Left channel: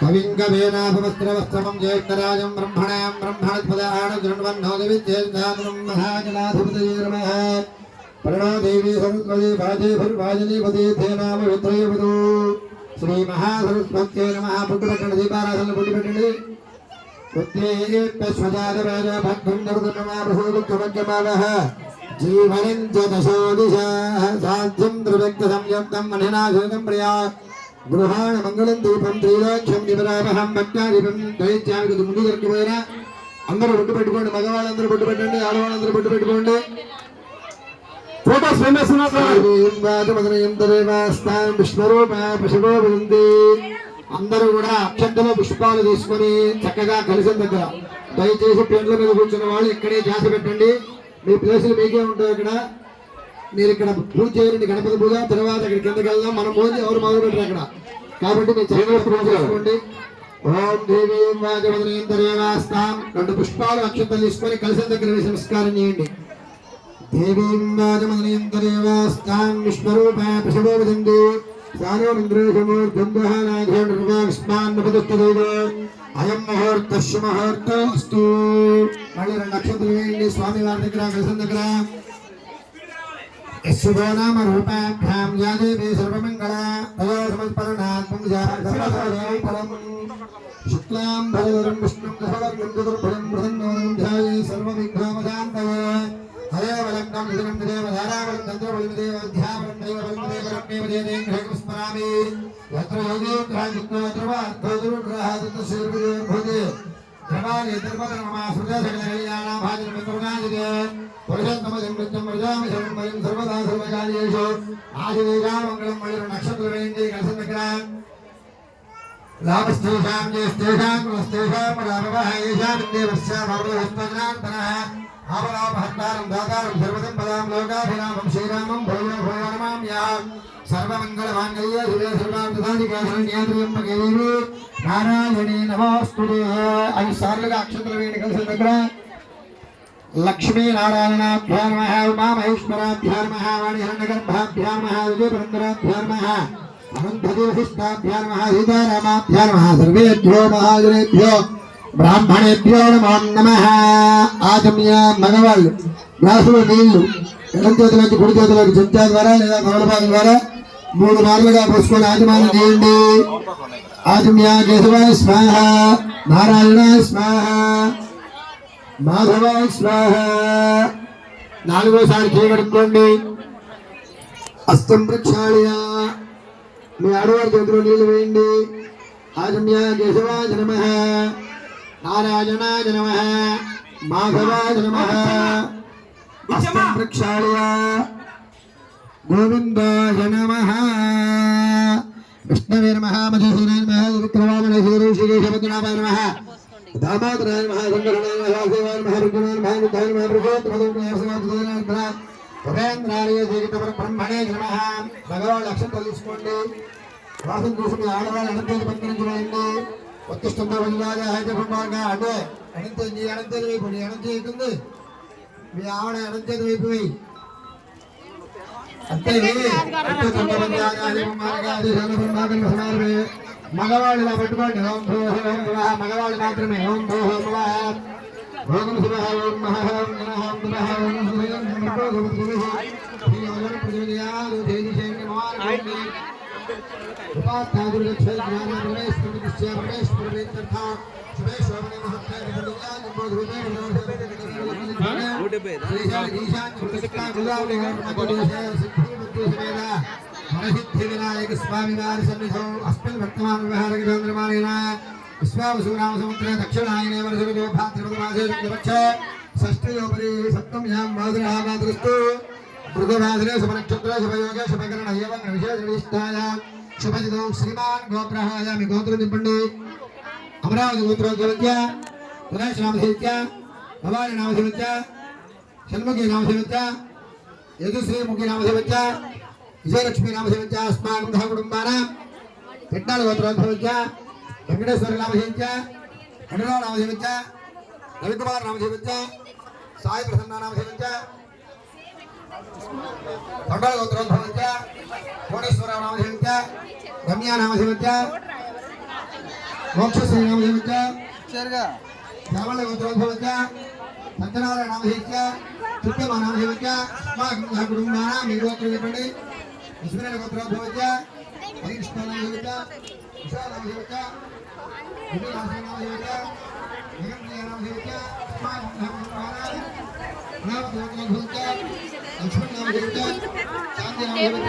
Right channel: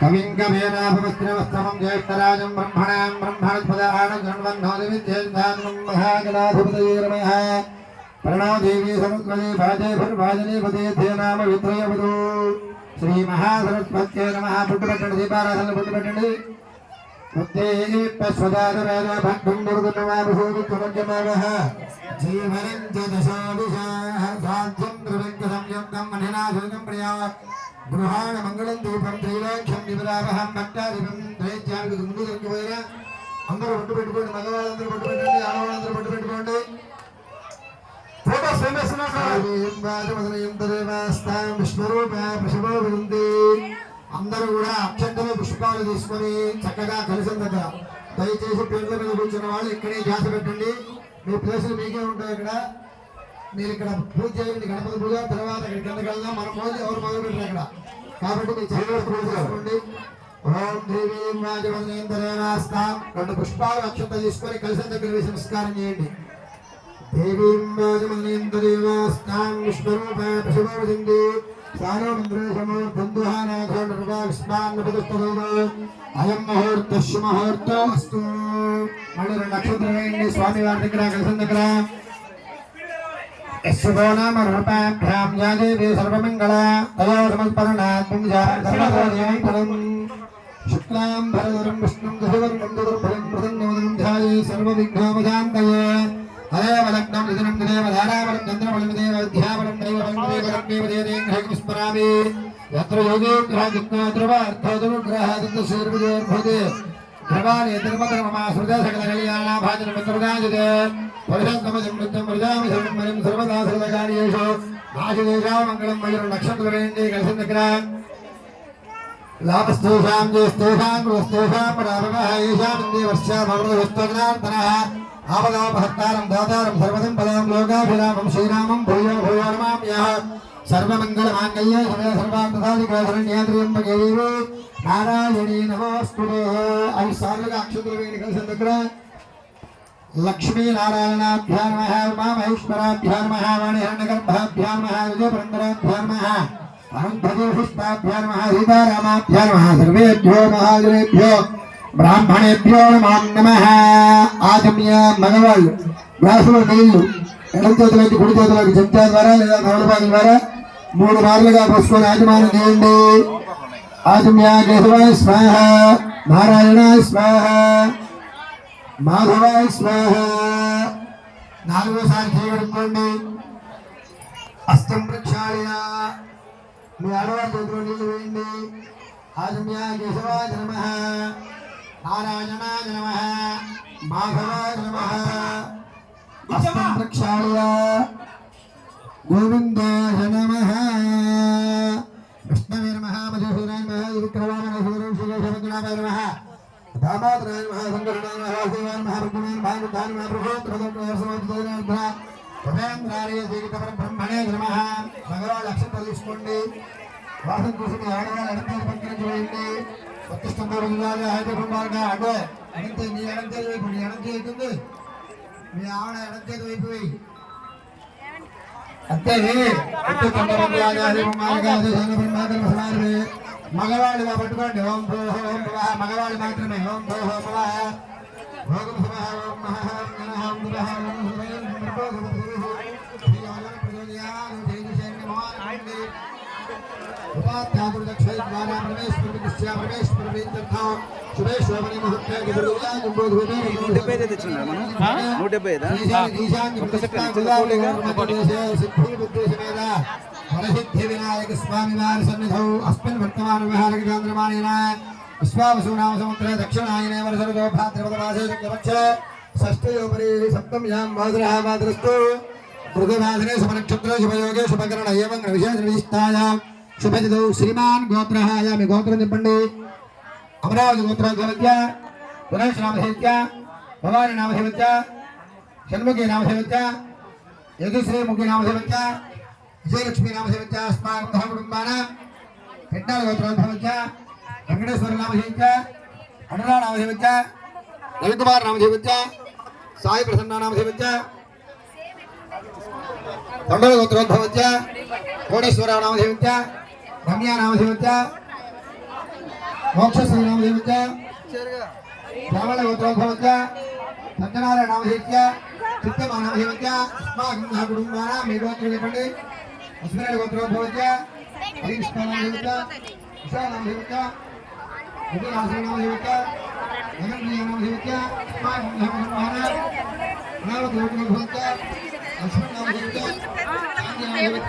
कविं कवेनाभवस्त्रवस्तमं ज्येष्ठराजं ब्रह्मणां ब्रह्मणस्पदानगृह्णवन्नोदविद्येन्द्रानुं महागणाधिपतये नमः। प्रणो देवी समुद्रदे भाजे भर्भाजने थे नाम वित्रयवधू श्री महासरस्वत्यै नमः। पुट्टपट्टणि दीपाराधन पुट्टपट्टणि भक्तं दुर्गमावः जीवनं च दशो दिशः साध्यं त्रिव्यक्तसंयुक्तं मणिनाथोदं प्रिया गृहाण मंगलम दीपम త్రిలోక్యం నిబరావహం భక్తాదిపం దైత్యానికి ముందు దొరికిపోయినా అందరూ బొట్టు పెట్టుకోండి. మగవాళ్ళందరూ బొట్టు పెట్టండి, ఆడవాళ్ళందరూ బొట్టు పెట్టుకోండి. ఫోటోస్ అందరూ కూడా అక్షంతలో పుష్పాలు తీసుకొని చక్కగా కలిసిన దగ్గర దయచేసి పెండ్ల మీద కూర్చున్న వాళ్ళు ఇక్కడే జాతి పెట్టండి. మీ ప్లేసులు మీకే ఉంటాయి. ఇక్కడ మీరు ఇక్కడ పూజ చేయండి, గణపతి పూజ. తర్వాత ఇక్కడ కిందకి వెళ్దాం. మనం పూజ ఎవరు మొదలు పెట్టారు అక్కడ, కాబట్టి మీరు చక్కగా పూజ చేసుకోండి. ఓం దేవీ వాజవదనేంద్రేవాస్తాం 2 పుష్పాలు అక్షంతలు తీసుకొని కలిసిన దగ్గర వేసి నమస్కారం చేయండి. దేవీం వాజవదనేంద్రేవాస్తాం విష్ణురూప పశవో వదంది అయం ముహూర్తస్సు ముహూర్తోస్తు. మళ్ళీ 2 అక్షంతలు వేయండి స్వామి వారి దగ్గర కలిసిన దగ్గర. यस्वनामरूपाभ्यां या देवी सर्वमङ्गला तया समर्पणात् पुंजां शुक्लां भरधरं विष्णुं दशवर्गं चतुर्भुजं प्रसन्नवदनं ध्याये सर्वविघ्नोपशान्तये हरेवलग्नं निधनं देवधारावलं चन्द्रबलं देवध्यावलं दैवबलं देवदेवं स्मरामि यत्र योगेन्द्रः जिज्ञाद्रवार्थोदनुग्रहादन्तशूर्विजयोर्भूते ध्रुवाणि धर्मधर्ममा सुरदासकलकल्याणाभाजनं मन्त्रदाजते परिषन्तमजं मृत्यं मृजामि सर्वं सर्वदा सर्वकार्येषु नाशदेशामङ्गलं मयूर नक्षत्रवेण्डे कलसन्दग्र लाभस्तेषां ज्येष्ठेषां कुलस्तेषां परामकः येषामिन्दे वर्ष्याभवनहस्तग्नार्थनः आपदापहत्तारं दातारं सर्वसम्पदां लोकाभिरामं श्रीरामं भूयो भूयो नमाम्यः। सर्वमङ्गलमाङ्गल्ये शिवे सर्वार्थसाधिके शरण्ये त्र्यम्बके देवी नारायणी नमोस्तुते। 5 సార్లుగా అక్షంతలు వేయండి కలిసిన దగ్గర. लक्ष्मी नारायणाभ्यां नमः, उमा महेश्वराभ्यां नमः, वाणिहिरण्यगर्भाभ्यां नमः, विजयपुरन्दराभ्यां नमः, अनन्तदेशिष्टाभ्यां नमः, सीतारामाभ्यां नमः। सर्वेभ्यो महाजनेभ्यो ब्राह्मणेभ्यो नमो नमः। आगम्य मगवाళ్ళు గ్లాసులో నీళ్లు ఎడం చేతిలోకి కుడి చేతిలోకి చెంచా ద్వారా లేదా నవలపాకం ద్వారా 3 మార్లుగా పోసుకొని ఆచమనం చేయండి. ఆచమ్య కేశవాయ స్వాహ, నారాయణాయ స్వాహ, మాధవాయ స్వాహ. 4వసారి చేయగలుగుకోండి. అస్తం ప్రక్షాళయ. మీ ఆడవారి చేతిలో నీళ్లు వేయండి. ఆచమ్య కేశవాయ నమః, నారాయణాయ నమః, మాధవాయ నమః. అస్తం ప్రక్షాళయ. గోవిందాయ నమః, విష్ణవే నమః, మధుసూదనాయ నమః, విక్రమాయ శ్రీకేశవద్నాభాయ నమః, दामादराय नमः, संगरणाय नमः, देवाय नमः, रुद्राय नमः, रुद्राय नमः, प्रभोत्तमदोग्नाय समाधिदाय नमः, भवेन्द्राय श्रीकेशव ब्रह्मणे नमः. భగవాన్ అక్షంతలు తీసుకోండి. వాసం కోసం ఆడవాళ్ళు అనంతేది పంపించండి. ఉత్తిష్టంతో విజయాలు హైదరాబాద్గా అంటే అనంతే నీ అనంతేది వైపు, నీ అనంతే అవుతుంది, మీ ఆవిడ అనంతేది వైపు పోయి అంతే. మగవాళ్ళు ఇలా పెట్టుకోండి. ఓం భూ ఓం భువ. మగవాళ్ళు మాత్రమే ఓం భూ ఓం భువ ఓం శివ ఓం మహ ఓం నమః ఓం నమః ఓం ఉపాధ్యాయులక్ష్మీ ద్వారా ప్రవేశించా ప్రవేశించా శుభేశ్వరమణి మహత్య వరసిద్ధి వినాయక స్వామి వారి సన్నిధౌ అస్మిన్ వర్తమాన విహారక కేంద్రమాణేన విశ్వావసూనామ సముద్ర దక్షిణాయనే వరసర్గో భాద్రపదమాసే శుక్లపక్ష షష్ఠయోపరి సప్తమ్యాం వాసరః వాసరస్తు మృగవాసనే శుభనక్షత్రే శుభయోగే శుభకరణ ఏవం విశేషవిశిష్టాయాం శుభదిదౌ శ్రీమాన్ గోత్రః. మీ గోత్రం చెప్పండి. అమరావతి గోత్రం సేవిత్య, గణేష్ నామ సేవిత్య, భవాని నామ సేవిత్య, షణ్ముఖి నామ సేవిత్య, యదుశ్రీముఖి నామ సేవిత్య, విజయలక్ష్మీ నామ సేవిత్య, అస్మాకం కుటుంబానాం పెట్టాల గోత్రం సేవిత్య, వెంకటేశ్వర నామ సేవిత్య, అడురా నామ సేవిత్య, రవికుమార్ నామ సేవిత్య, సాయి ప్రసన్న నామ సేవిత్య, దండవ గోత్రం భవత్య, కోటేశ్వర నామ సేవిత్య, రమ్య నామ సేవిత్య, మోక్షశ్రీ నామదేవత శ్రావణ గోత్రోద్భవత సత్యనారాయణ నామదేవత చిత్తమ నామదేవత అస్మాకం కుటుంబాన మీ గోత్రం చెప్పండి అస్మిరాడ గోత్రోద్భవత హరికృష్ణ నామదేవత విశాల నామదేవత విజయ నామదేవత జగన్ప్రియ నామదేవత అస్మాకం కుటుంబాన నైవ గోత్రోద్భవత లక్ష్మణ నామదేవత శాంతి నామదేవత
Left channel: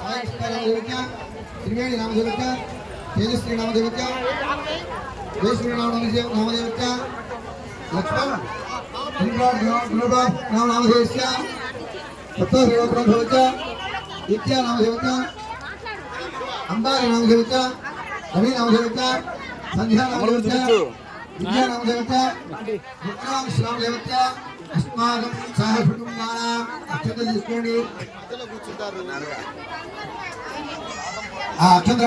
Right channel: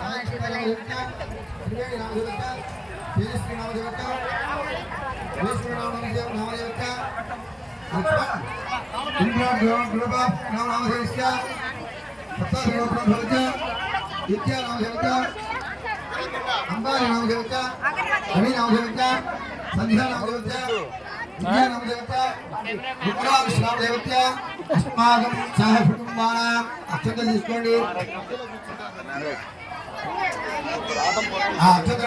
సాయకృష్ణ నామదేవత త్రివేణి నామదేవత తేజస్వి నామదేవత వేశ్వరి నామదేవత లక్ష్మణ నామదేవత సప్తదేవత విద్యా నామదేవత అంబార నామదేవత రవి నామదేవత సంధ్యా నామదేవత విద్యా నామదేవత విక్రాంశ నామదేవత అస్మాకం సహ కుటుంబానాం అక్షంతలు తీసుకోండి అక్షంతలు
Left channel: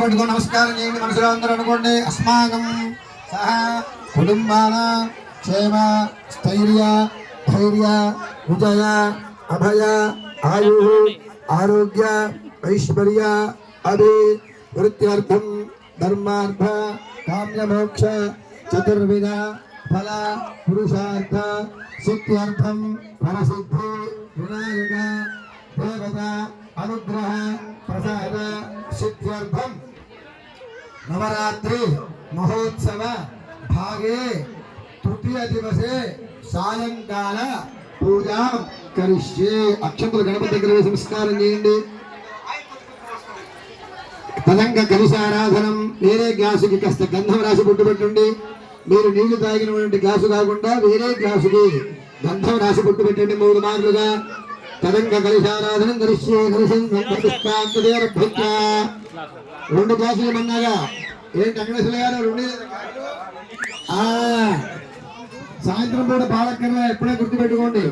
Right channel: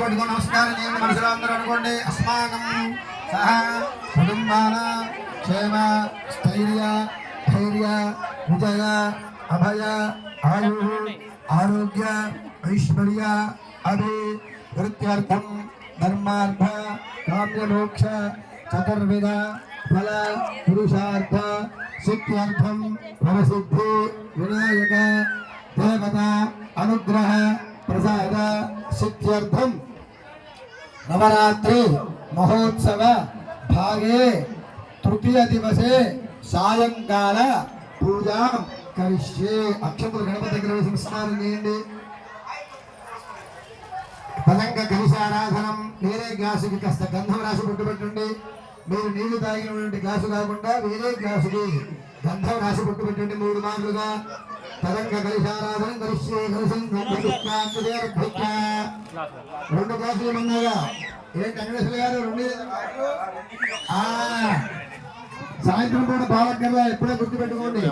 పట్టుకొని నమస్కారం చేయండి మనసులో అందరూ అనుకోండి అస్మాకం సహ కుటుంబానాం క్షేమ స్థైర్య ధైర్య విజయ అభయ ఆయు ఆరోగ్య ఐశ్వర్య అభి వృత్త్యర్థం ధర్మార్థ కామ్యమోక్ష చతుర్విధ ఫల పురుషార్థ సిద్ధ్యర్థం ఫలసిద్ధి వినాయక దేవత అనుగ్రహ ప్రసాద సిద్ధ్యర్థం నవరాత్రి మహోత్సవ భాగే తృతీయ దివసే సాయంకాల పూజా కరిష్యే. అక్షంతలు గణపతి దగ్గర సంస్కారం చేయండి. తదంగ కలశారాధనం. వేరే గ్లాసుకి కాస్త గంధం రాసి బొట్టు పెట్టండి. మీరు నీళ్లు తాగినటువంటి గ్లాసు కాకుండా వేరే గ్లాసుకి గంధం రాసి బొట్టు పెట్టండి 3 మార్లుగా. తదంగ కలశారాధనం కరిష్యే. రెండు గ్లాసులు మన్నాగా ఏంటి వెంకటేశ్వర గారు? సాయంత్రం పూట బాలకర్ర ఎప్పుడే గుర్తుపెట్టుకోండి.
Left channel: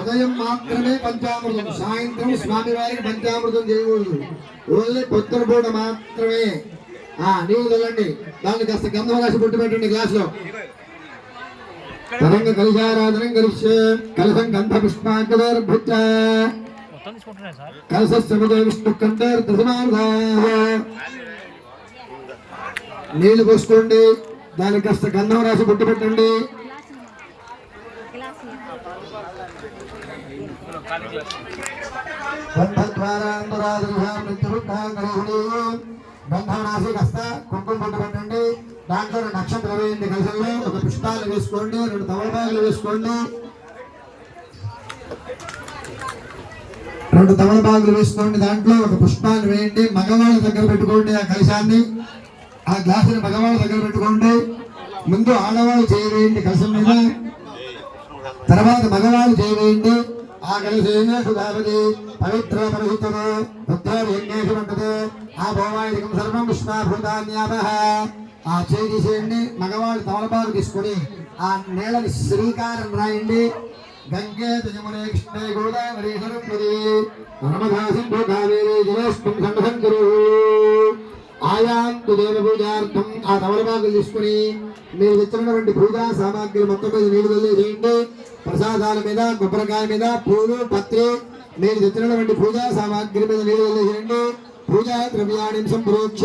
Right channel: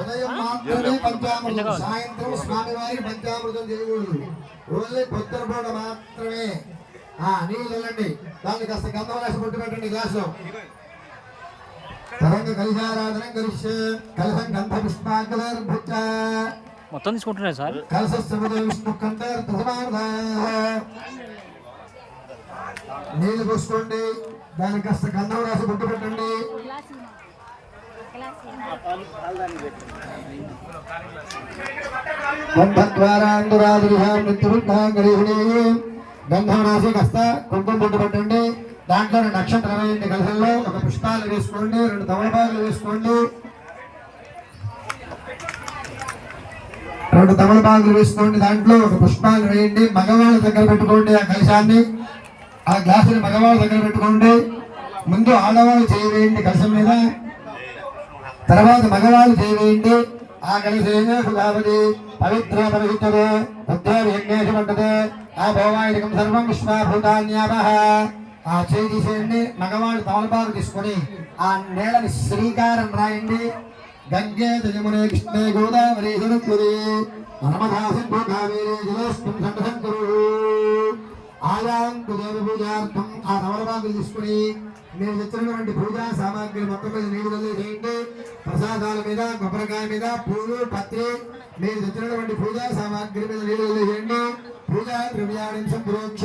ఉదయం మాత్రమే పంచామృతం, సాయంత్రం స్వామివారికి పంచామృతం చేయకూడదు. ఓన్లీ పొద్దున పూట మాత్రమే. నీళ్ళు చల్లండి. దాన్ని కాస్త గంధం రాసి బొట్టు పెట్టండి గ్లాసులో. తరంగ కలశారాధనం కలిసే కలసం గంధ పుష్పాంగేర్భుజ మొత్తం తీసుకుంటున్నాయి సార్. కలశ విష్ణు కంఠేర్ దశనాథ. నీళ్లు పోసుకోండి. దానికి కాస్త గంధం రాసి బొట్టు పెట్టండి. గంధం రాసి కాస్త కుంకుమ బొట్టు పెట్టండి. దాంట్లో నక్షత్రం వేయండి. కలశంలో ఒక పుష్పాలు వేసుకోండి. 2 తమలపాకులు వేసుకోండి. 2 తమలపాకులు వేసుకోండి. దాంట్లో ఒక పుష్పాలు వేయండి. మగవాళ్ళ దగ్గర పెట్టుకోండి. ఆ కలశాన్ని, ఆ గ్లాసుని మగవాళ్ళ దగ్గర పెట్టుకోండి. ముందు ఆడవాళ్ళు చేయవేయండి కలశం మీద, తర్వాత మగవాళ్ళు చేయవేయండి. ఆ కలశేనే సుధావతి పవిత్ర పవిత్ర బుద్ధేషు పట్టదే ఆ భౌమాయుధం సర్వం విశ్వాభూతాన్యామః. ఆ చేయి తీసేయండి. మగవాళ్ళు తమలపాకు తీసుకొని ఆ నేలని శ్రీకారం రాయండి. గంగే జమునే కృష్ణే గోదావరి సరస్వతి నర్మదా సింధు కావేరీ జలేస్మిన్ సన్నిధిం ఆయాంతు దేవ పూజార్థం. ఆ తమలపాకులు తీసుకుని మీరు తెచ్చినటువంటి పూజా సామాగ్రి మొత్తం మీద నీళ్ళు వదిలేసేయండి. ప్రసాదాల మీద, కొబ్బరికాయ మీద, పూలు, పత్రి, మీరు తెచ్చినటువంటి పూజా సామాగ్రి మీద నీళ్ళు వదిలేసేయండి. పూజా ద్రవ్యాన్ని సంప్రోక్ష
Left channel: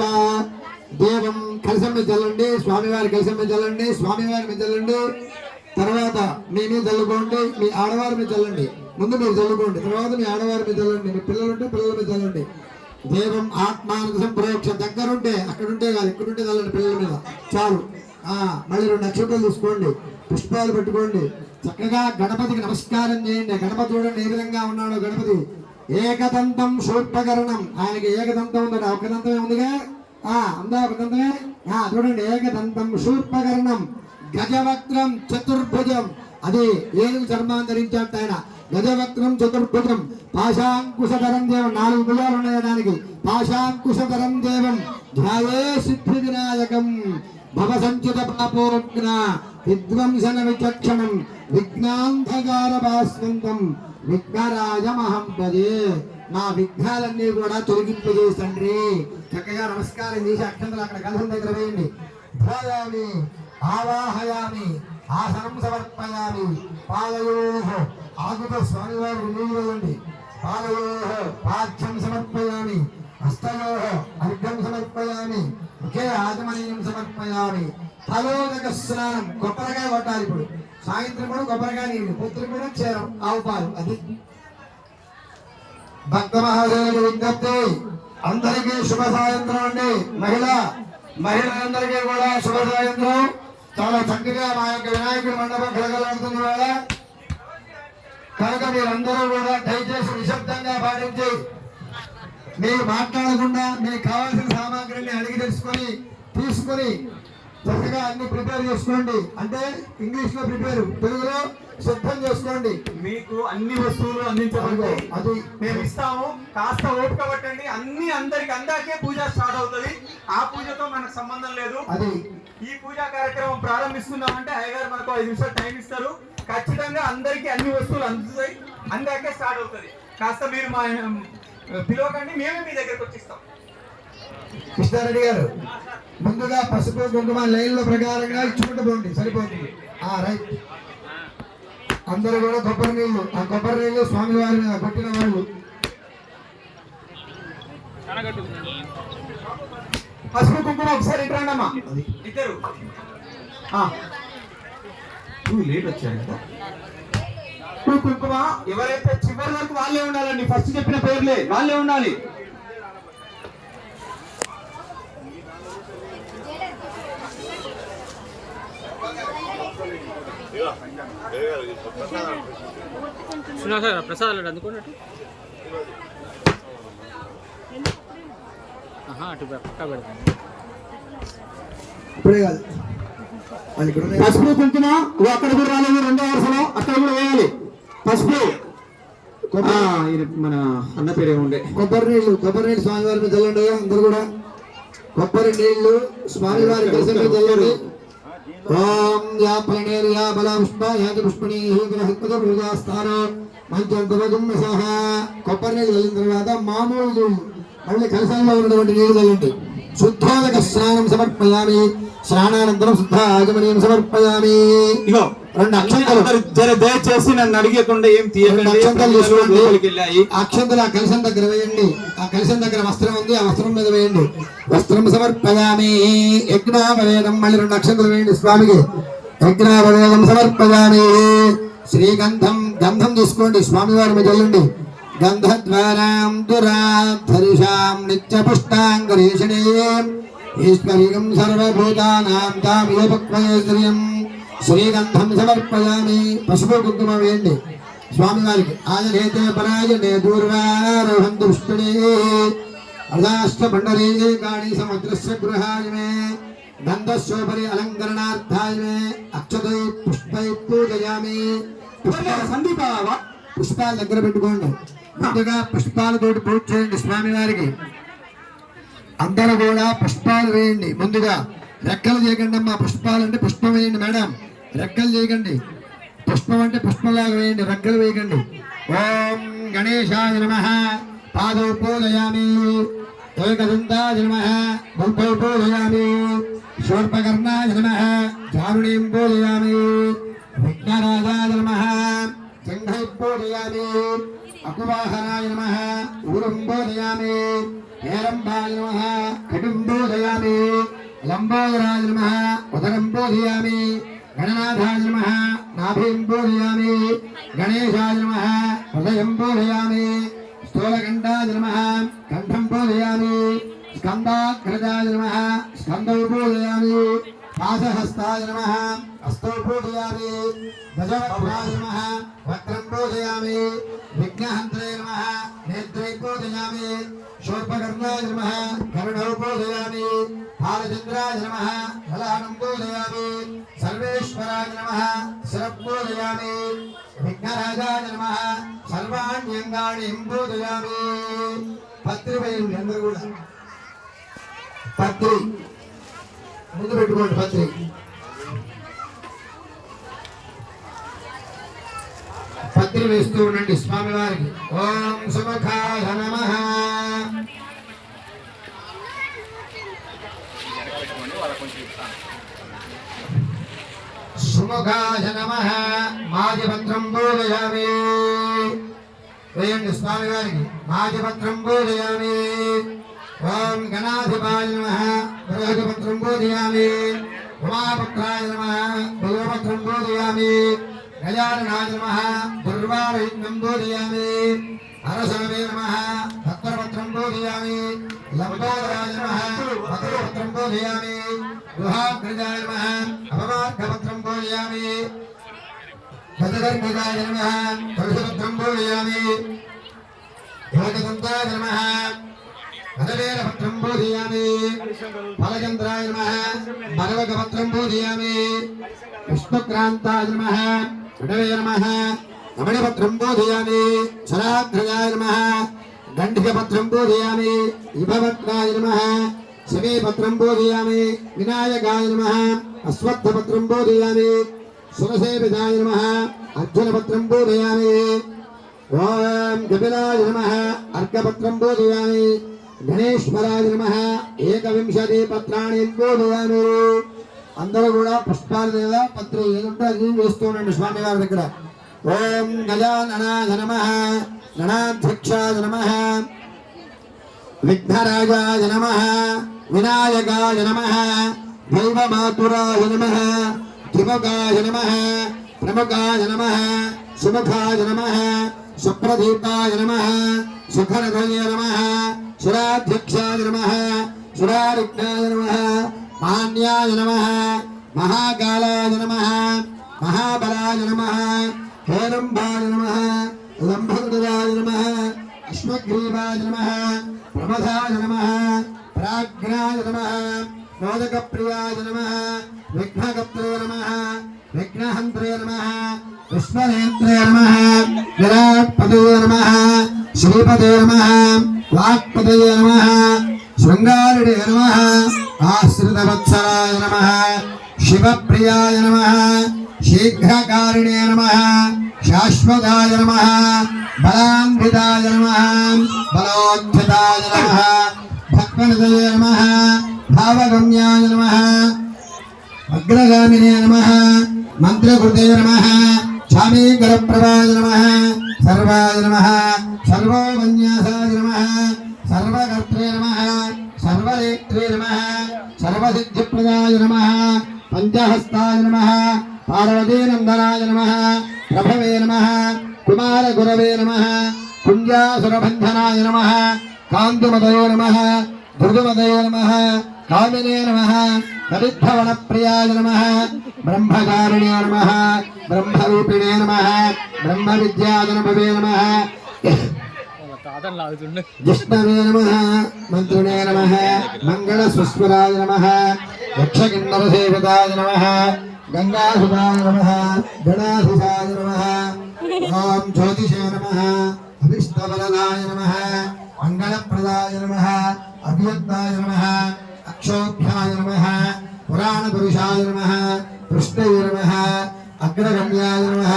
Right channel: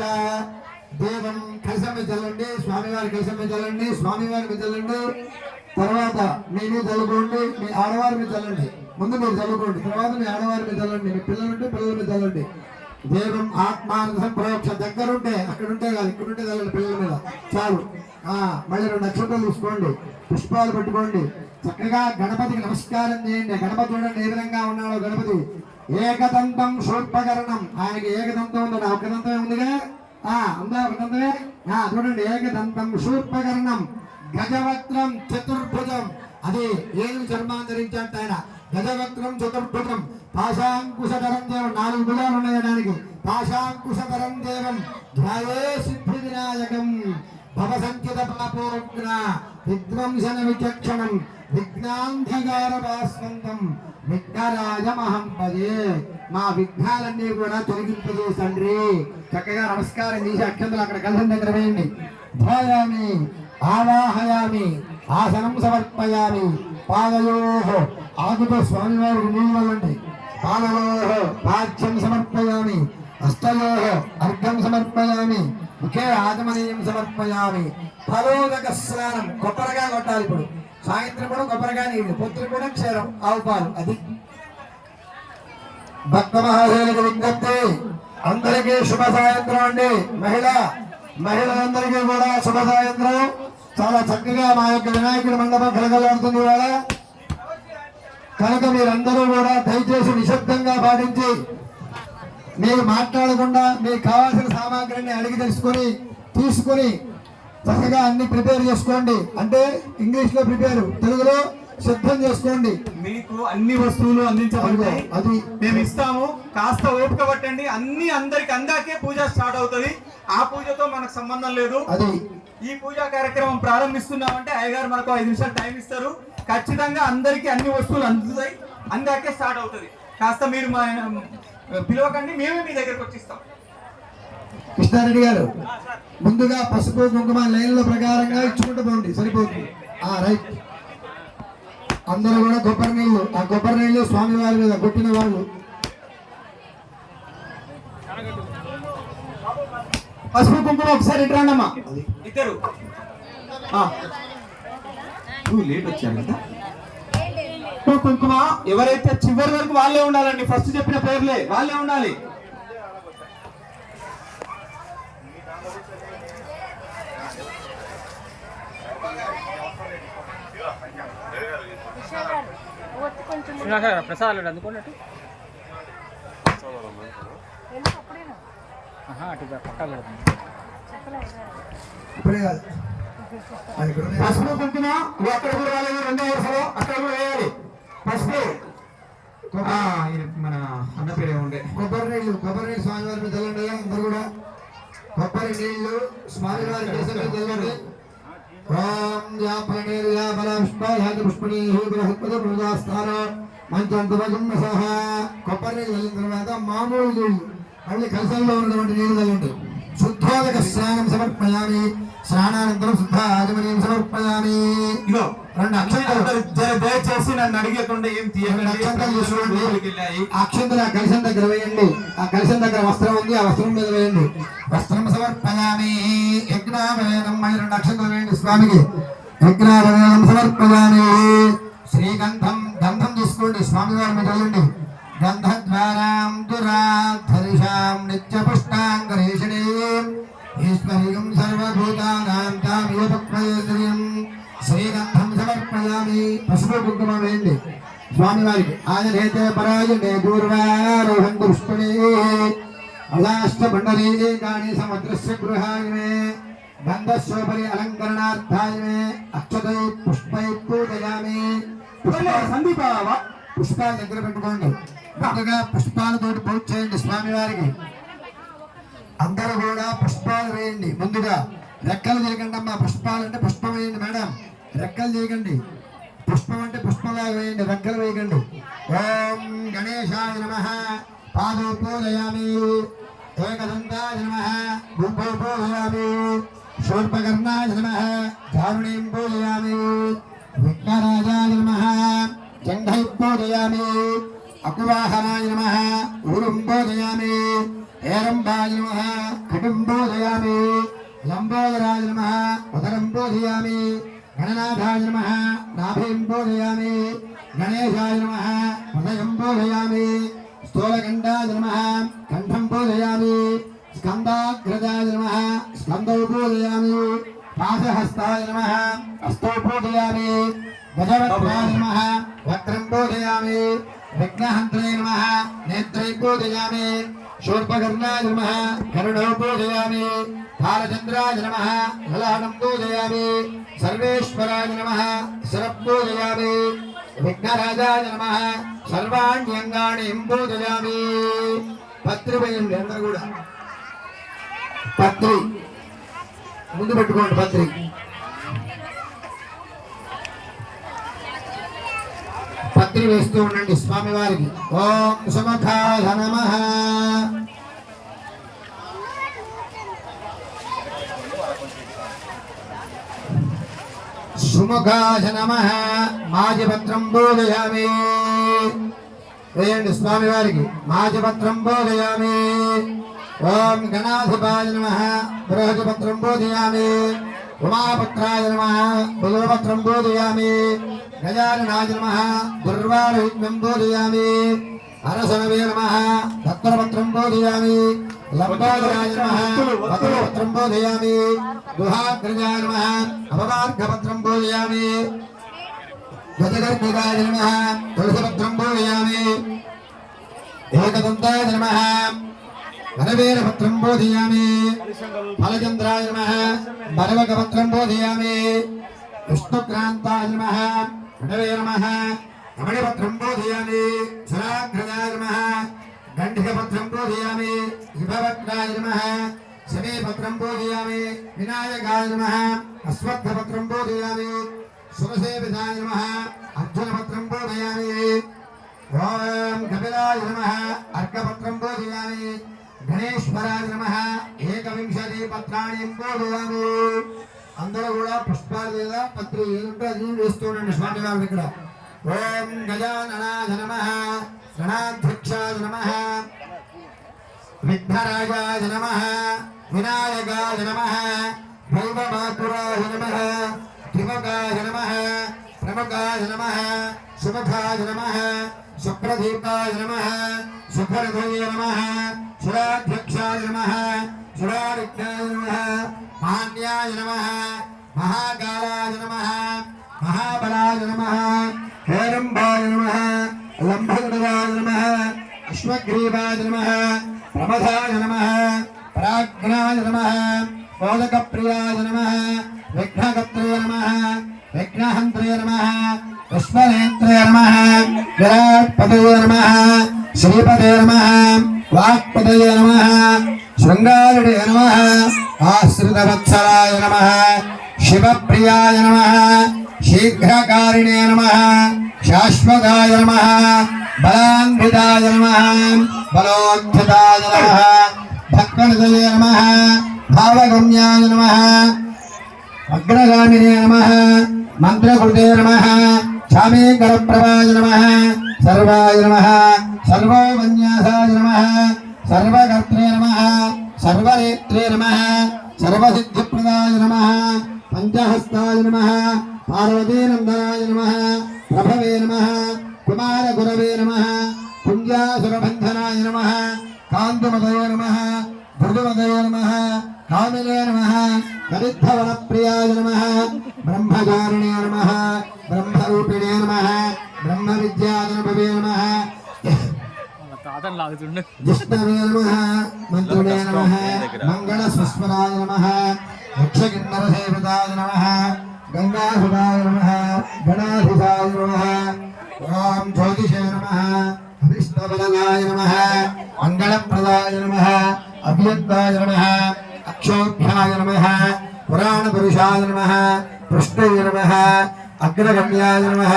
దేవం కలశం మీద చల్లండి. స్వామివారి కలశం మీద చల్లండి. స్వామివారి మీద చల్లండి. తర్వాత మీ మీద చల్లుకోండి. మీ ఆడవారి మీద చల్లండి. ముందు మీరు చల్లుకోండి, తర్వాత మీ ఆడవారి మీద చల్లండి. మీ పిల్లలుంటే పిల్లల మీద చల్లండి. దేవం ఆత్మానంద సంప్రోక్ష. దగ్గరుంటే అక్కడుంటే కాదు, ఇక్కడుంటే చల్లండి పిల్లల మీద చాలు. మళ్ళీ 2 నక్షత్రాలు తీసుకోండి. పుష్పాలు పెట్టుకోండి. చక్కగా గణపతికి నమస్కారం చేయండి. గణపతి చూడండి ఏ విధంగా ఉన్నాడో. గణపతి ఏకదంతం శూర్పకర్ణం. ఆయనకి ఏకదంతం ఉందండి. ఒక దంతమే ఉందిగా. ఉందా ఒక దంతమే? చూడండి ఏకదంతం శూర్పకర్ణం గజవక్త్రం చతుర్భుజం. అది ఏనుగు చర్మాన్ని ధరించాడు ఆయన. గజవక్త్రం చతుర్భుజం పాశాంకుశధరం దేవం. 4 భుజాలు ఉన్నాయి దానికి. పాశాంకుశధరం దేవం ధ్యాయే సిద్ధి వినాయకం భవసంచిత పాపోగ్న విధ్వంసన విచక్షణం విఘ్నాంధకార భాస్వంతం విఘ్నరాజమహం పదే. మా విఘ్నాలన్నీ కూడా తొలగింపజేసి తండ్రి. చక్కగా నమస్కారం చేసి అక్షంతలు అక్కడ కలిసిన దగ్గర వేయండి. ధ్యాయామి ఆవాహయామి ఆసనం సమర్పయామి. పాదయోః ఆకుతో స్వామివారికి నీళ్ళు వేయండి. పాదయోః పాద్యం సమర్పయామి. హస్తయోః అర్ఘ్యం సమర్పయామి. ఒకే ఆచమనీయం సమర్పయామి. తలోదక స్నానం, కొబ్బరికాయ కొట్టాలి ఇప్పుడు. సాయంత్రం కూడా కొబ్బరికాయ నీళ్ళు, పొద్దున కూడా క్షీరం ఆవు పాలు. అది భక్త మహాశయులకు విజ్ఞప్తి. అందరికీ శుభ సాయంత్రం అండి. మహిళలందరికీ కూడా శుభ సాయంత్రం. చాలా చక్కగా మా యొక్క వినాయకుడి మండపం కలగలుగుతుంది వాళ్ళ. కనుక మీరందరూ కూడా దయచేసి నిశ్శబ్దంగా పాటించి మీరు మాట్లాడకుండా మీకు కావాల్సిన సామాగ్రిని అడిగి తీసుకొని చక్కగా అన్ని ప్రిపేర్ చేసుకోండి. అంటే ఇంగ్లీష్ లో ప్రిపేర్, తెలుగులో సిద్ధం చేసుకోండి. మీకు అన్ని వస్తువులు అందించబడతాయి, అది మేము ఇస్తాము. కాస్త ఓపిక పట్టండి. అన్ని అందరికి అందాకే పూజ స్టార్ట్ అవుతుంది. ఆ పూజతో మనకు సంబంధం లేదు. అది ఈ పూజా కార్యక్రమం ప్రారంభిస్తున్నామంటే అయ్యగారు మనకు 5 నిమిషాలు టైం ఇస్తారు. ఖచ్చితంగా అందరికి అన్ని వస్తువులు అందుతాయి, అందాకే స్టార్ట్ అవుతుంది. కాస్త మీరు మా పిలవకండి, మేమే మీ దగ్గరకు వచ్చిస్తాం. కృష్ణారెడ్డి గారు ముందుగా పసుపు కుంకుమ లైన్ల ప్రకారంగా ఇచ్చుకుంటూ పోండి, సరిపోతుంది. రైట్. అందరూ కూడా కొబ్బరి నీళ్లు, ఆ కొబ్బరి నీళ్లు స్వామివారి మీద కొట్టిన వాళ్ళు. పసుపు కుంకుమ ఒకసారి ఇట్రాండమ్మా ఇద్దరు. నువ్వు లేట్ వచ్చారు కదా. కుంకుమ ఎవరైతే చివరి వరకు వాళ్ళే ఉండాలండి. ఫస్ట్ చెప్పిన పేర్లే వాళ్ళే ఉండాలి. ప్రసాద్ అందుకున్నట్టు అటు పక్కా పెడతాం. ఇప్పుడే కాదు, పసుపు కుంకుమ అక్కడ కూడా రాలేదు. 2వ వరుసలో అక్కడ కూడా వేయాలి పసుపు. మన అన్న పేరు ఏముండే. కొబ్బరి నీళ్లు స్వామివారి మీద చల్లండి. అందరూ కూడా కొబ్బరి నీళ్లు స్వామివారి దర్శనం చల్లండి. ఓం యా ప్రణేర్యా బల పుష్ప యాది పుష్పణీ హృదయ హృదయస్థాన మంచంతవజుమ్మసహ. కొబ్బరి నీళ్ళు చల్లిన తర్వాత మామూలు నీళ్ళు మళ్ళీ కలసంలో ఉన్నటువంటి నీళ్లు చల్లండి. శుద్ధోదక స్నానం సమర్పయామి. స్నానానంతరం శుద్ధ ఆగమనీయం సమర్పయామి. 2 అక్షంతలు దయచేసి నన్ను అడిగకుండా ఏం తీయండి. అక్షంతలు ఆ కలశం దగ్గర వేయండి. ఆ కలశం దగ్గర వస్త్రం ఉంది, ఆ వస్త్రం మీద వేయండి. వస్త్రం సమర్పయామి. యజ్ఞాపవేదం, మళ్ళీ 2 అక్షంతలు వేయండి స్వామికి. యజ్ఞాపవేదం సమర్పయామి. శ్రీగంధం, గంధం తీసుకోండి, స్వామివారి మీద చల్లండి. గంధద్వారాం దురాధరిషాం నిత్యపుష్టాంగరీషణీం ఈశ్వరీయం సర్వభూతానాం తామేపక్వైశ్వర్యం. శ్రీగంధం సమర్పయామి. పసుపు కుంకుమ వేయండి స్వామివారికి. ఆయనేతే పరాయణే పూర్వారోహం పుష్పణే అదాష్ట పండరీకాణి సముద్రస్య గృహాయిమే గంధస్యోపరి అలంకరణార్థాయిమే అక్షతై పుష్పై పూజయామి. సందీప పుష్పాల దగ్గర పెట్టుకోండి. ముందుగా పుష్పాలతోటి పూజ చేయండి స్వామివారికి. అందరూ కూడా పుష్పాలు వేయండి. ముందుగా రెక్కలు చేయకండి అమ్మా. పుష్పాలు అంటే పుష్పం వేయండి మేడం, రెక్కలు చేయకండి. పుష్పం అంటే పుష్పంలాగా వేయండి, రెక్కలు వేయకండి. ఓం గణేశాయ నమః. పాదో పూజయామి. ఏకదంతాయ నమః. భూపౌ పూజయామి. శూర్పకర్ణాయ నమః. ధారుణీం పూజయామి. విఘ్నరాజాయ నమః. జంఘై పూజయామి. అకువాహనాయ నమః. ఊరుం పూజయామి. హేరంబాయ నమః. కటుం పూజయామి. లంబోదరాయ నమః. ఉదరం పూజయామి. గణనాథాయ నమః. నాభిం పూజయామి. గణేశాయ నమః. హృదయం పూజయామి. స్థూలకంఠాయ నమః. కంఠం పూజయామి. స్కందాగ్రజాయ నమః. స్కందం పూజయామి. పాదహస్తాయ నమః. హస్తో పూజయామి. భజవత్రాయ నమః. వక్రం పూజయామి. విఘ్నహంత్రాయ నమః. నేత్రై పూజయామి. శూర్పకర్ణాయ నమః. కరుణౌ పూజయామి. బాలచంద్రాయ నమః. లలాటం పూజయామి. సర్వేశ్వరాయ నమః. శిరపూజయామి. విఘ్నరాజాయ నమః. సర్వాణ్యంగాణి పూజయామి. పత్రి వేయండి అందరూ కూడా. పత్రి ముందు పెట్టుకోండి. పత్రి పత్రి వేస్తూ ఉండండి స్వామివారికి. ఓం సుముఖాయ నమః. సుముఖాయ నమః. మాజపత్రం పూజయామి. వేయండి స్వామివారికి. మాజపత్రం పూజయామి. ఓం గణాధిపాయ నమః బృహస్పత్రం బోధయామి ఉమాపుత్రాయ నమః బిల్వపత్రం బోధయామి గజాననాయ నమః దుర్వారహితం బోధయామి అరసనవే నమః భక్తపత్రం బోధయామి లంబోదరాయ నమః భక్తపత్రం బోధయామి గుహాగ్రజాయ నమః అపవార్ఘపత్రం బోధయామి గజగర్భగాయ నమః తులసిపత్రం బోధయామి ఏకదంతాయ నమః వరవేరపత్రం బోధయామి ఫలచంద్రాయ నమః బలవకపత్రం బోధయామి విష్ణుక్రాంతాయ నమః విడవే నమః రమణపత్రం బోధయామి సురాగ్రజాయ నమః గండికపత్రం బోధయామి విభవక్రాయ నమః శమీపత్రం బోధయామి వినాయకాయ నమః అశ్వత్థపత్రం బోధయామి సురసేవితాయ నమః అర్జునపత్రం బోధయామి ఓం కపిలాయ నమః అర్కపత్రం బోధయామి గణేశ్వరాయ నమః ఏకవింశతి పత్రాన్ని బోధయామి. అందరూ కూడా పుష్పాల మీద పత్రం వేస్తూ ఉండండి స్వామి వారి దగ్గర. ఓం గజాననాయ నమః గణాధ్యక్షాయ నమః విఘ్నరాజాయ నమః వినాయకాయ నమః దైవమాతురాయ నమః దివగాయ నమః ప్రముఖాయ నమః సుముఖాయ నమః సుప్రదీపాయ నమః సుఖరథయ నమః సురాధ్యక్షాయ నమః సురారుజ్ఞాయ నమః మాన్యాయ నమః మహాకాలాయ నమః మహాబలాయ నమః హేరంబాయ నమః లంబోదరాయ నమః అశ్వగ్రీవాయ నమః ప్రమథాయ నమః ప్రాజ్ఞాయ నమః మోదకప్రియాయ నమః విఘ్నకర్త్రే నమః విఘ్నహంత్రే నమః పుష్పనేత్రే నమః విరాట్పదయే నమః శ్రీపదే నమః వాక్పదయే నమః శృంగారుడే నమః ఆశ్రితవత్సలాయ నమః శివప్రియాయ నమః శీఘ్రకారిణే నమః శాశ్వతాయ నమః బలాన్వితాయ నమః బలోద్ధతాయ నమః భక్తనిధయే నమః భావగమ్యాయ నమః అగ్రగామినే నమః మంత్రకృతే నమః చామేకరప్రభాయ నమః సర్వాయ నమః సర్వోపన్యాసాయ నమః సర్వకర్త్రే నమః సర్వనేత్రే నమః సర్వసిద్ధిప్రదాయ నమః పంచహస్తాయ నమః పార్వతీనందనాయ నమః ప్రభవే నమః కుమారగురవే నమః కుంజాసురబంధనాయ నమః కాంతిమదయే నమః ధృతుమదయే నమః కామినే నమః కవిద్ధవనప్రియాయ నమః బ్రహ్మచారిణే నమః బ్రహ్మరూపిణే నమః బ్రహ్మవిద్యాధనభవే నమః వాళ్ళ కాదని లాగుతుండే. జిష్ణవే నమః మంత్రుణే నమః మంగళసుస్వరాయ నమః యక్షకిన్నరసేవితాయ నమః గంగాసుదాయ నమః గణాధిసాయ నమః ఓం జ్యోతిషే నమః అభిష్టవరదాయ నమః మంగళప్రదాయ నమః అభ్యంతాయ నమః అక్షోభ్యాయ నమః పురాణపురుషాయ నమః పృష్ఠయే నమః అగ్రగమ్యాయ నమః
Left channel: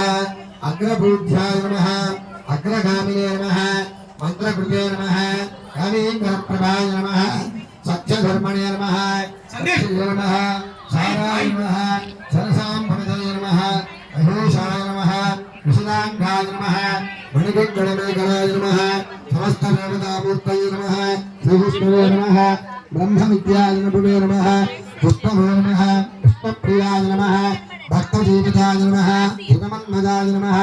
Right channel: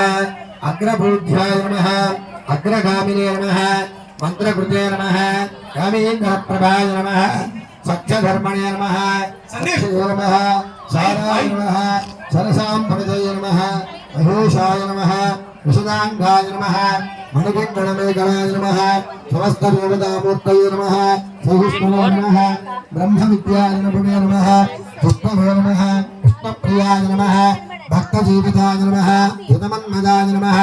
అగ్రబూధ్యాయ నమః అగ్రగామినే నమః మంత్రకృతే నమః కామేంద్రప్రభాయ నమః సత్యధర్మణే నమః సత్యే నమః సారాయ నమః సరసాంభగతయ నమః మహేశాయ నమః విశదాంగాయ నమః మణికంగణమేఘాయ నమః సమస్తదేవతామూర్తయే నమః సహిష్ణువే నమః బ్రహ్మవిద్యాయ నమః విష్ణువే నమః విష్ణుప్రియాయ నమః భక్తజీవితాయ నమః హితమన్మదాయ నమః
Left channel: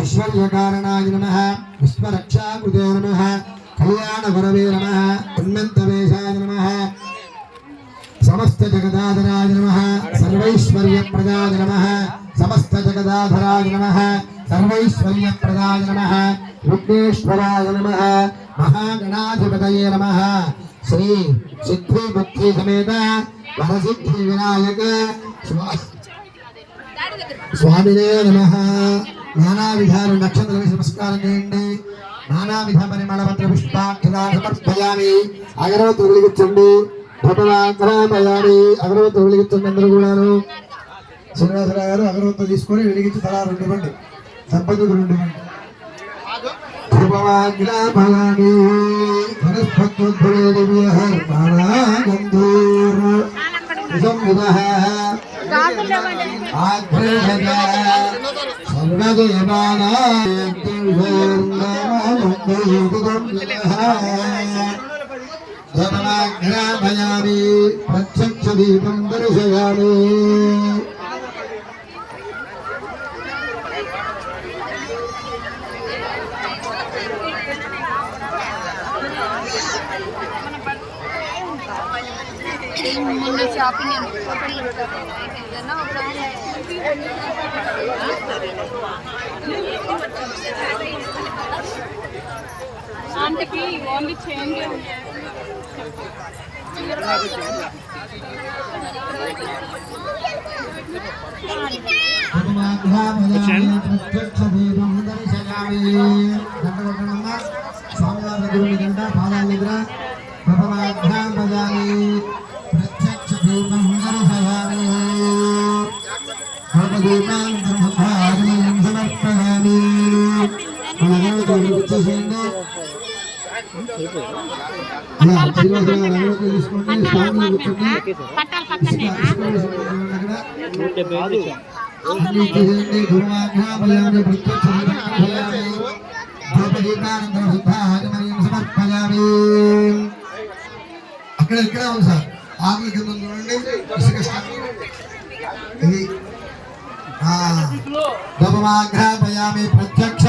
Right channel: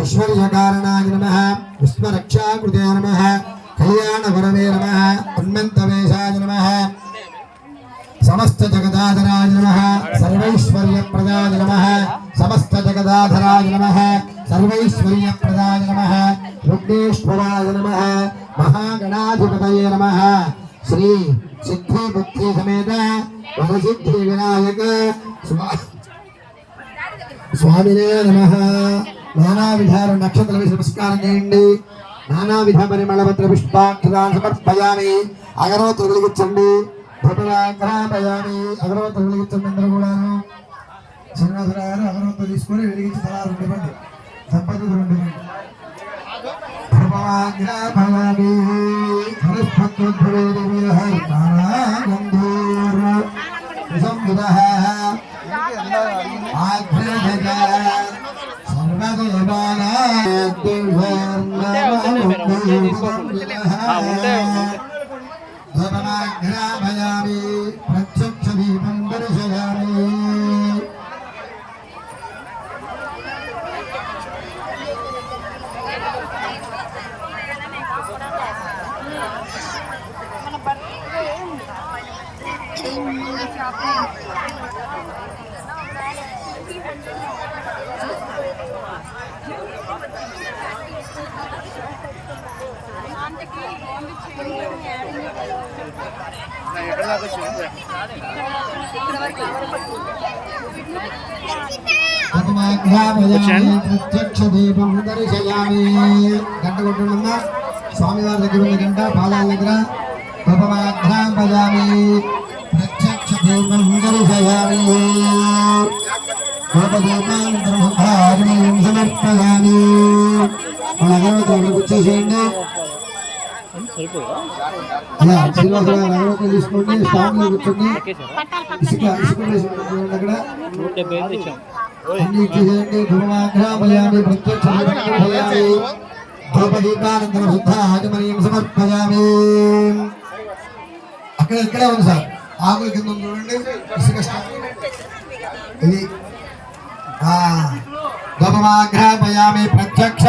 ఐశ్వర్యకారణాయ నమః విశ్వరక్షాకృతే నమః కళ్యాణగురవే నమః ఉన్మంతవేశాయ నమః సమస్త జగదాధరాయ నమః సర్వైశ్వర్యప్రదాయ నమః సమస్త జగదాధరాయ నమః సర్వైశ్వర్యప్రదాయ నమః విఘ్నేశ్వరాయ నమః మహాగణాధిపతయే నమః శ్రీ సిద్ధి బుద్ధి సమేత వరసిద్ధి వినాయక స్వామినే నమః. నానా విధాల నక్షత్ర నమస్కారం చేయండి. నానా విధ పరిమళపత్ర పుష్పాక్షరాలు సమర్పయామి. అగరవత్తులు వెలిగించండి. ధూపవాగ్రాపయామి. అగరవత్తులు వెలిగించండి అందరూ కూడాను. శ్రీనివాసరావు గారు అగరవత్తులు తీసుకొని వెలిగించి తలా రెండు ఇవ్వండి. సంపదకు రెండు ఇవ్వండి. ధూపవాగ్రాపయామి. హరిస్పత్యుద్ధులే దివ్యహర్నారాగంధీర్ విసంవిదః సర్వదేవానాం ఆంటీకి ఓన్లీ చేంజ్ ప్రత్యక్ష దీపం దర్శయామి. గంట కొట్టడం స్వామివారి దగ్గర ఉన్న గంట పాదాల దగ్గర ఉపమాఘ్రాం భజామి. ప్రత్యక్ష దీపం దర్శయామి. దీపాంతరం సమర్పయామి. వచ్చేసేయండి. తీసుకోండి. స్వామి కూర్చోండి. అన్ని చేయండి. ధూమాఘ్రామయామి. ప్రత్యక్ష ధూపదీపానంతరం శుద్ధ ఆచమనీయం సమర్పయామి. అక్కడ ఇక్కడే ఉంది సార్. ఆకుల కింద ఉంది చూడండి. ఇసుక స్టాక్. ఇది ధూమాఘ్రామయామి. ప్రత్యక్ష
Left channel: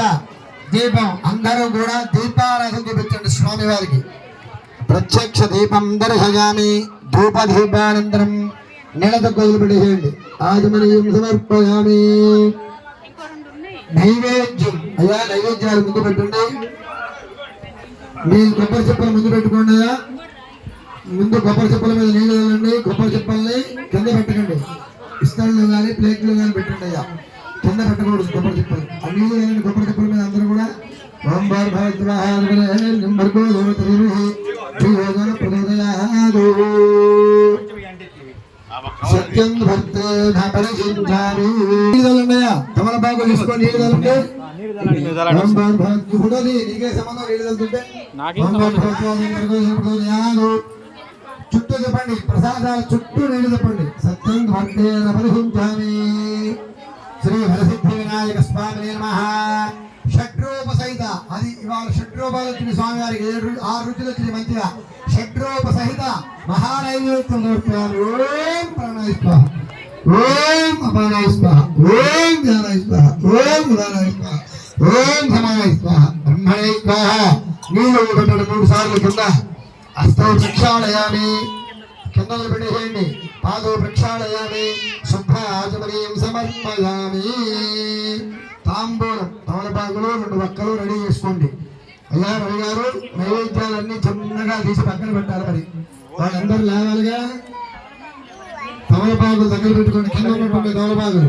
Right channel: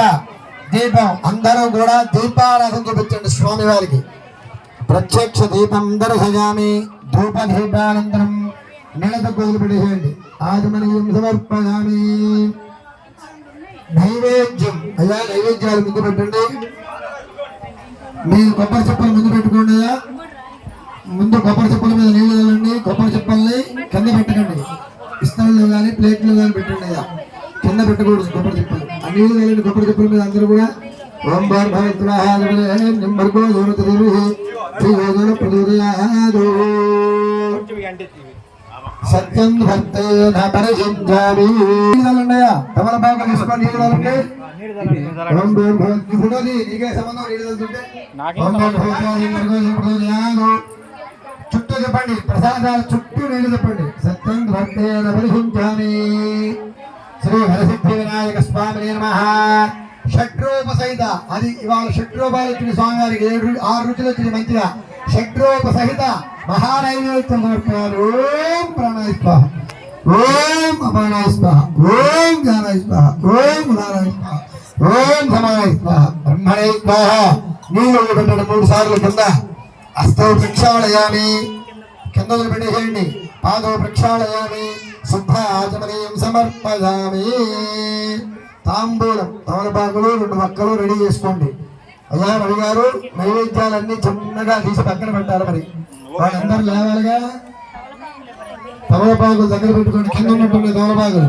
దీపం అందరూ కూడా దీపారాధన చూపించండి స్వామి వారికి. ప్రత్యక్ష దీపం దర్శయామి. ధూప దీపానంతరం నీళ్ళతో కోయిలు పెట్టేసేయండి. ఆచమనీయం సమర్పయామి. నైవేద్యం అయ్యా, నైవేద్యాలు ముందు పెట్టండి. మీ కొబ్బరి చెప్పలు ముందు పెట్టుకోండి. అయ్యా ముందు కొబ్బరి చెప్పల మీద నీళ్ళు వెళ్ళండి. కొబ్బరి చెప్పల్ని కింద పెట్టకండి. ఇస్తాల్లో కానీ ప్లేట్లో కానీ పెట్టండి. అయ్యా కింద పెట్టకూడదు కొబ్బరి చెప్పలు. ఆ నీళ్ళు వెళ్ళండి కొబ్బరి చెప్పల మీద అందరూ కూడా. ఓం సత్యం పరిశించాలి. తమలపాకు తీసుకొని నీళ్ళు తలంటే నీకే సంబంధం. నీళ్ళు తలుతుంటే చుట్టూ చెప్పండి. ప్రసాదాలు చుట్టూ నీళ్ళు చెప్పండి. సత్యం భక్తేన పరిశించామి. శ్రీ హరసిద్ధి వినాయక స్వామి నమః. షడ్రూప సహిత అది ఇవాళ షడ్రూపాలు వచ్చిన స్వామివారికి 6 రుచులు వచ్చినాయి మంచిగా. షడ్రూప సహిత మహానైవేద్యం సమర్పయామి. ఓం ప్రాణాయ స్వాహ. ఓం అపానాయ స్వాహ. ఓం జ్ఞానాయ స్వాహ. ఓం ఉదానాయ స్వాహ. ఓం సమాయ స్వాహ. బ్రహ్మణే స్వాహ. నీళ్ళు పెట్టండి 3 సార్లు కింద. హస్తౌ ప్రక్షాళయామి. కింద పెట్టేసేయండి. పాదౌ ప్రక్షాళయామి. శుద్ధ ఆచమనీయం సమర్పయామి. తాంబూలం తమలపాకులు 2 వక్కలు రెడీ చేసుకోండి. అయ్యా రవి గారు నైవేద్యాలన్నీ చిన్నగా తీసి పక్కన పెట్టాలి. మరి వాళ్ళందరూ లేవాలిగా. తమలపాకులు దగ్గర పెట్టుకోండి. కింద ఉన్నటువంటి తమలపాకులు